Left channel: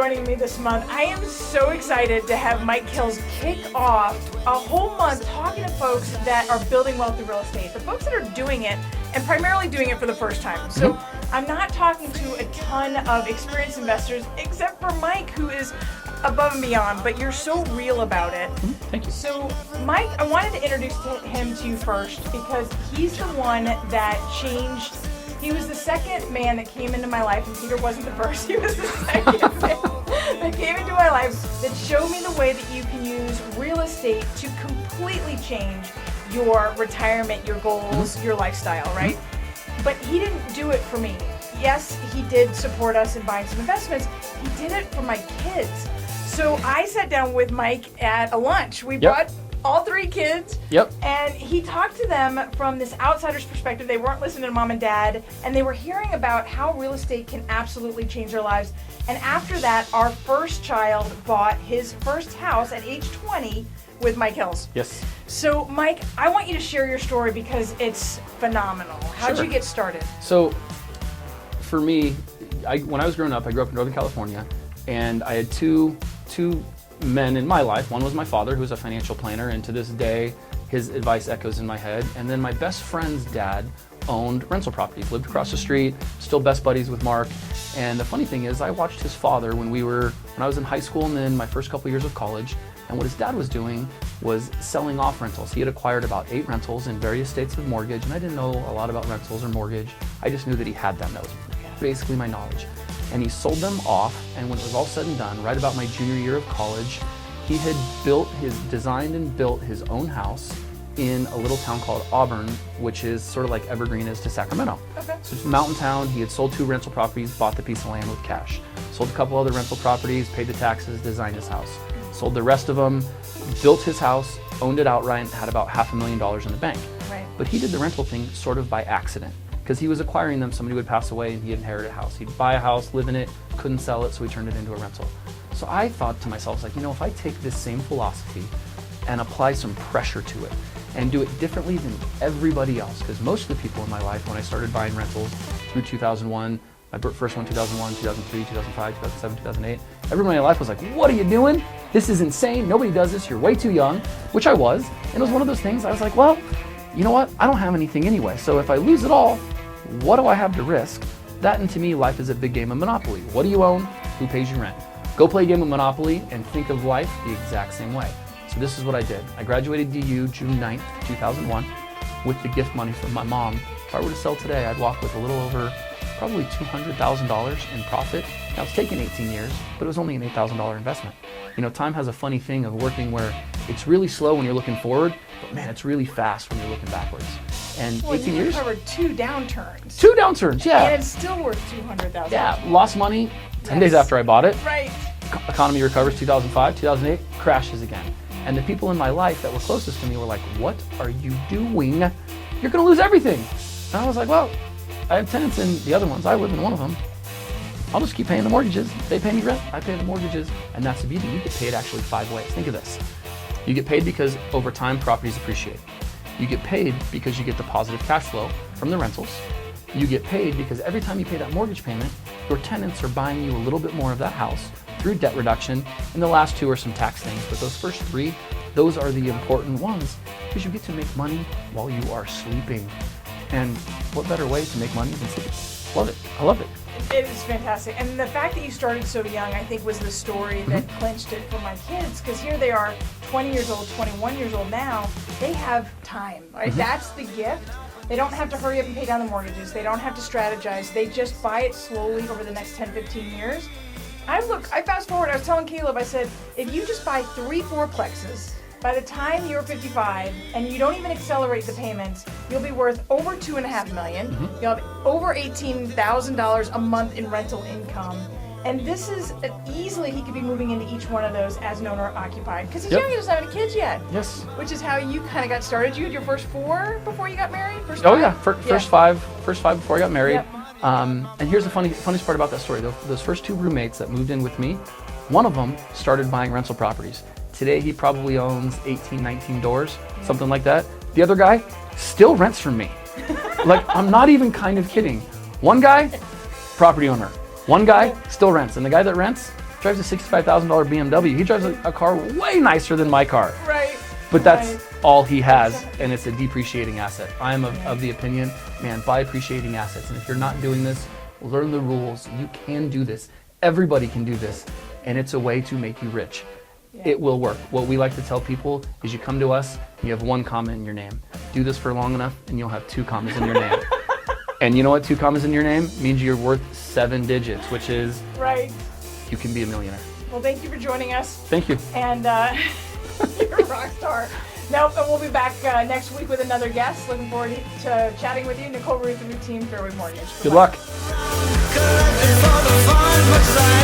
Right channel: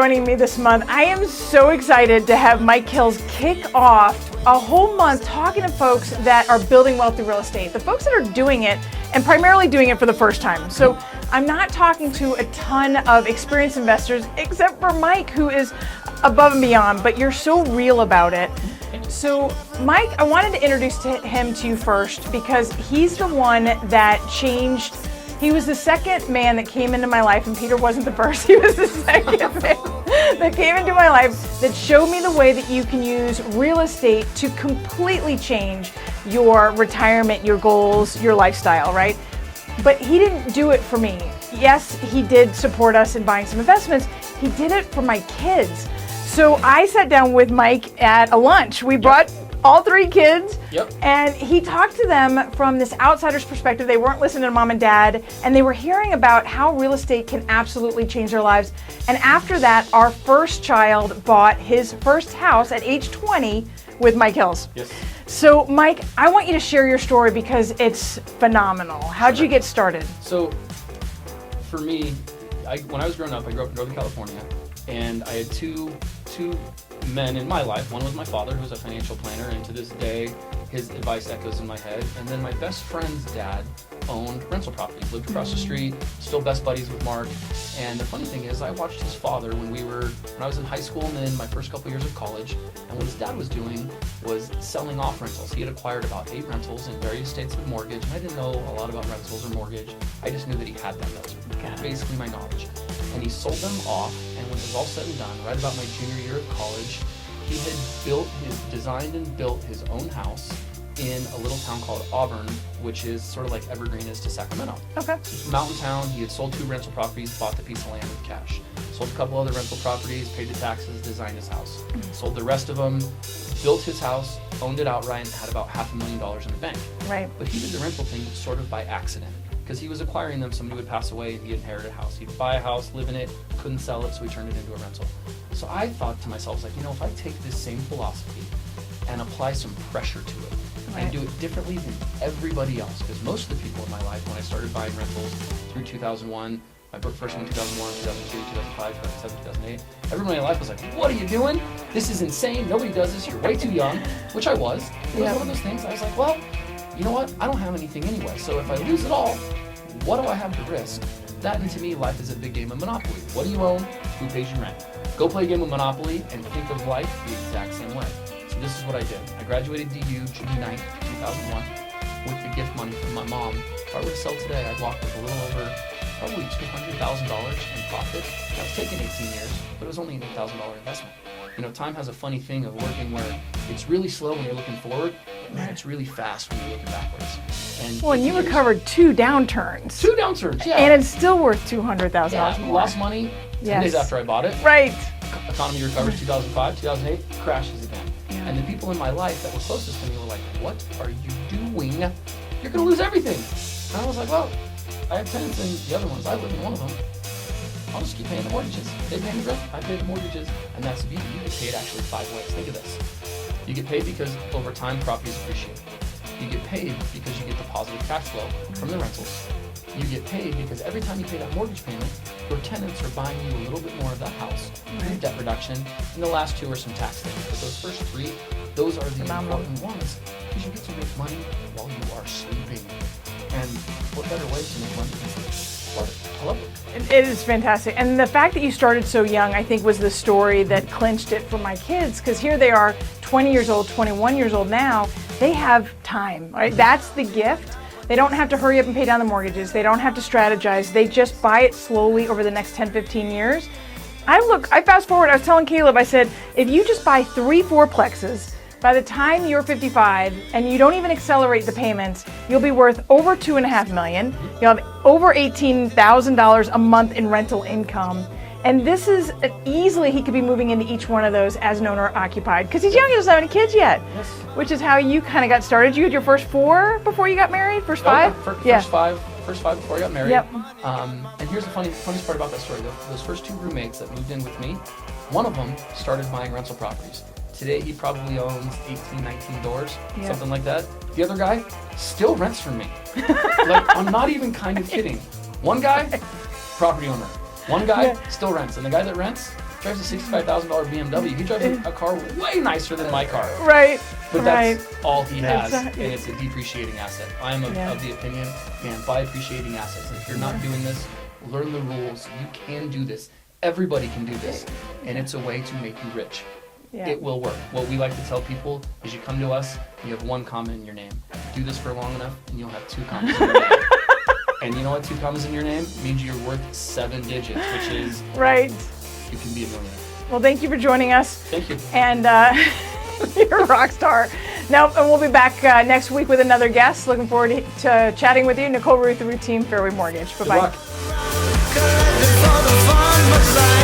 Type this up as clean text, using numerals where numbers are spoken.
joining me this month. I am so excited to have Mike Hills kick off a whole month talking to folks that are building wealth through real estate, the folks that are doing it and primarily doing it for the first time. So I'm not talking to a ton of experienced investors except for Mike, who is above and beyond, but you're so real about it. So Mike, I wanted to introduce him to you first because he's the one that changed. He was the second man that came into my life, and Peter wasn't the first. He was the second man that came into my life that showed me the way that you can use real estate to completely change your retirement, your goals, your lifestyle, right? But he didn't do it for me. Yes, he did support us in buying some investments. He did it for my kids. So I sat down with Mike at a lunch. We brought all three kids, and he talked to them from this outsider's perspective. They weren't listening to mom and dad, and they were hearing about how real estate can absolutely change their lives. And after that, our first child bought his first house at age 20 with Mike Hills. Yes. So Mike, I want you to share your story because it's phenomenal. How'd you get started? So for me, when I was growing up, I grew up in Northern California, and I had two men in my life. One was my father, who was a financial planner, and to this day, his advice echoes in my head. And then my best friend's dad owned rental properties, lived across the street, still best buddies with Mark. And the funny thing is, I watched his father when I was in high school and then my first couple years of college. And what his dad was doing was selling off rentals. He had acquired about 8 rentals in various states of mortgage, and I didn't know a lot about rentals or mortgage. I just knew that he had them. That was basically my knowledge. And he sold them off, and when it was all said and done, right about my junior year of college, he had designed and built his own house in a little town called Auburn, which is sort of like Evergreen is to Sacramento. Okay. So it's a mountain town. He had sold 2 rental properties, bought the piece of land with cash. Sold a couple other rental properties, paid the taxes, designed his house. Sold the rest of them, built his house, owned it outright, and had about $500,000 in the bank. Right. But he did the rental thing sort of by accident, because he was acquiring them. Somebody would pass away and he'd inherit a house. He'd buy a house, live in it, couldn't sell it, so he turned it into a rental. So I thought to myself, like, if I take this same philosophy and apply some pressure to it and do it differently than everybody else, because most of the people in my life, when I started buying rentals through 2001, my first one 2001, 2003, 2005, 2007, 2008, everyone in my life was like, what are you doing? This is insane. Nobody does this. You're way too young, which I was. And it was one of those things I was like, well, you know what? I don't have anything anyway. So if I lose it all, what do I have to risk? That, and to me, life is a big game of Monopoly. What do you own? Who pays you rent? Go play a game of Monopoly and think of life the exact same way. So this is what I did. I graduated DU June 9th, 2001 with the gift money from my mom. If I were to sell today, I'd walk with a little over probably $200,000 in profit. Now it's taken 18 years, but it was only an $8,000 investment. Time has a funny thing of working where it's really slow when you're looking forward, but man, it's really fast when you're looking backwards. And you recovered 2 downturns. 2 downturns, yeah. And it's still worth $200,000. Yeah, lost money 10 days after I bought it. Right. Economy recovers 2005, 2008, crashes again. And the people in my life that were closest to me were like, what are you doing? You're gonna lose everything. And I was like, well, I have tenants in the other ones. I live in one of them. I'll just keep paying the mortgages. They pay me rent, I pay the mortgages. And that's the beauty. You get paid actually 5 ways. Think of this. You get paid because over time properties appreciate. You get paid because you get the positive cash flow from the rentals. You get paid because every time you pay that mortgage payment, your tenants are buying you a little bit more of that house through debt reduction. And the last 2 are some tax things, but those first 3, those are the important ones because you get to make money while you are sleeping. And what better way to make money than sleep? Love it. I love it. It is fantastic. And the fact that you started so young, I think, was the story that clinched it for my kids, because here they are, 20 years old, 21 years old now. They have time, right? That's the gift. They don't have to hurry up and pay down the mortgages. They don't have to strategize. They just buy it slowly over the next 10, 15 years. I fast forward, I was telling Caleb, I said, if you just buy 3 fourplexes, by the time you're 55 and you don't even accelerate the payments, you'll be worth over $2.5 million. You'll have over $18,000 a month in rental income. And this is easily, he could be moving into each one of those as an owner occupied, because he's young, he doesn't have any kids yet. Yes. Which is how you kind of got started. You had your first 4 before you got married? First 5? Oh yeah, first five before I got married. Yep. And here's the funniest part about that story. Those first 2 roommates that moved in with me, one of them started buying rental properties. Today he probably owns 18, 19 doors, something like that. The other guy still rents from me. Like, I'm not even kind of kidding. One guy, property owner. One guy still rents, and the guy that rents, drives a $65,000 BMW. He drives a car way nicer than my car. Right. But that's all he has, Exactly. and it's a depreciating asset. I'm of the opinion, man, buy appreciating assets. And if you're not doing this, learn the rules. You can do this. Everybody can do this, and it's a way to make you rich. Yeah. It will work. What we like to tell people is you come to us, you have 1 comma in your name. Do this for long enough, and you'll have 2 commas in your name. And you know what 2 commas in your name means? You're worth 7 digits, which is Right. you can be a millionaire. Well, thank you for joining us. Thank you. And you're a rock star. Now, and we'll be back next week with another guest. Looking forward to chatting with you. Nicole Rueth, the Rueth Team, Fairway Mortgage. Good Bye-bye. luck. Collected for the fun, much as I